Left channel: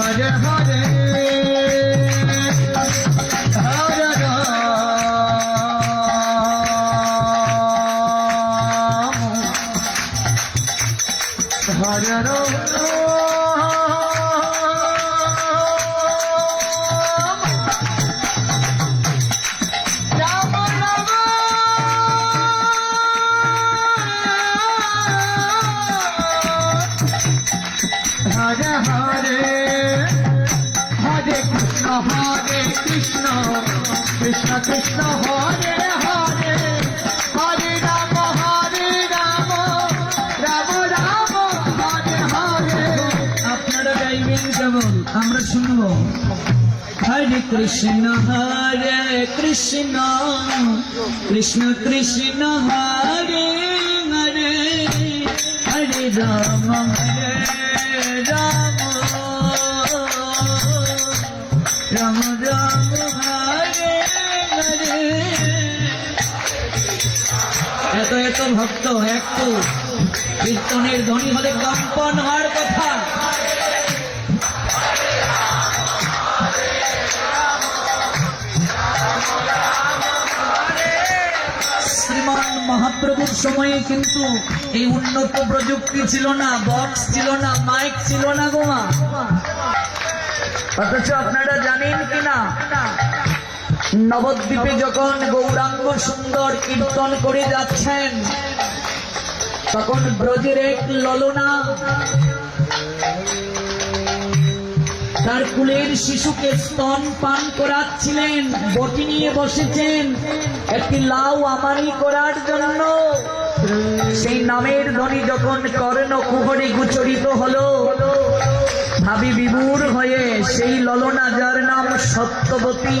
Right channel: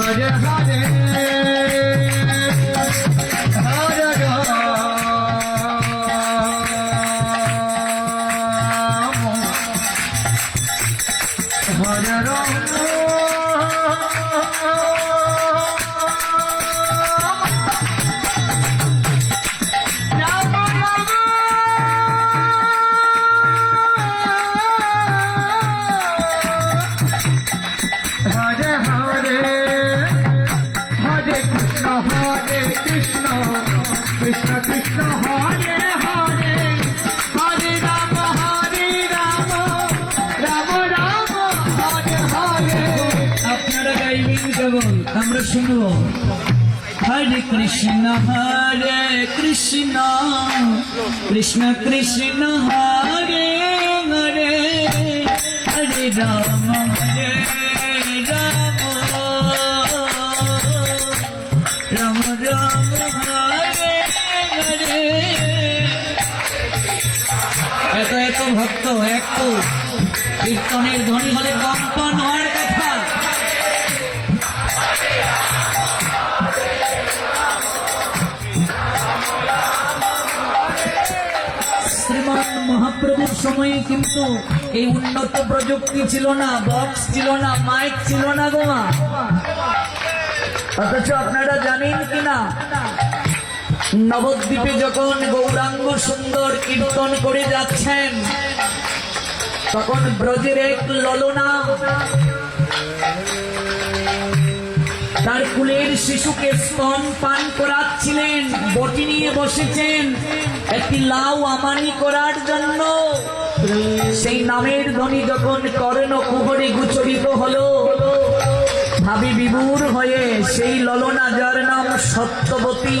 Hare Hare Hare Ram Hare Ram Hare Hare Hare Krishna Krishna Krishna Hare Hare Hare Rama Rama Rama Hare Hare আপনারা গাইবেন কেবল আমরা শুনব Hare Krishna Krishna Krishna Hare Hare Hare Rama Rama Rama Hare Hare এত ভক্ত একটু কীর্তনের ধ্বনি হলে কম্পন হওয়ার কথা। শ্রীমান মহাপ্রভুর সময়ে কিন্তু এই উন্নত প্রযুক্তি ছিল না, বক্স ছিল না, মাইক ছিল না গো। অথচ আপনারা জানেন কিনা নবদ্বীপে যখন গৌরাঙ্গ সুন্দর কীর্তন করে যাচ্ছেন তখন ব্রজের এক ললনা তার কুলের শিশুকে স্তন পান করাচ্ছিলেন, বটি নিয়ে বসেছেন একটি লাউ আমানি করার জন্য। সেই নামের ধ্বনি যখন কর্ণ কুহরে গোচরিত হলো, ভাবি বিভোর হয়ে সেই ললনা যার নাম সত্যবতী,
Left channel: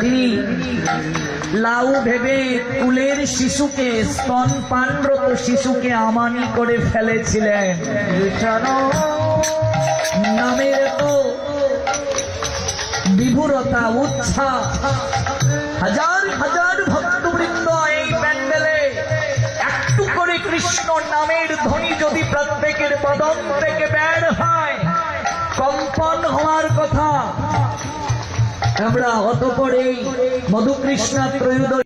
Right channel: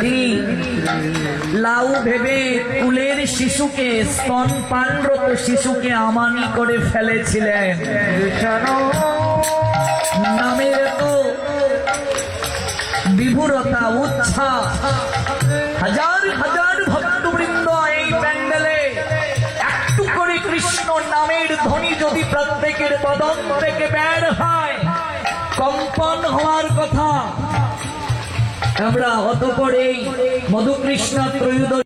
তিনি লাউ ভেবে কুলের শিশুকে স্তন পানরত শিশুকে আমানি করে ফেলেছিলেন। নামের তো বিভুরতা উচ্ছ্বাস, হাজার হাজার ভক্তবৃন্দ এই প্যান্ডেলে একটু করে কৃষ্ণ নামের ধ্বনি যদি প্রত্যেকের বদন থেকে বের হয় কম্পন হওয়ার কথা। আমরা অতঃপর এই মধুকৃষ্ণ ত্রয়োদশী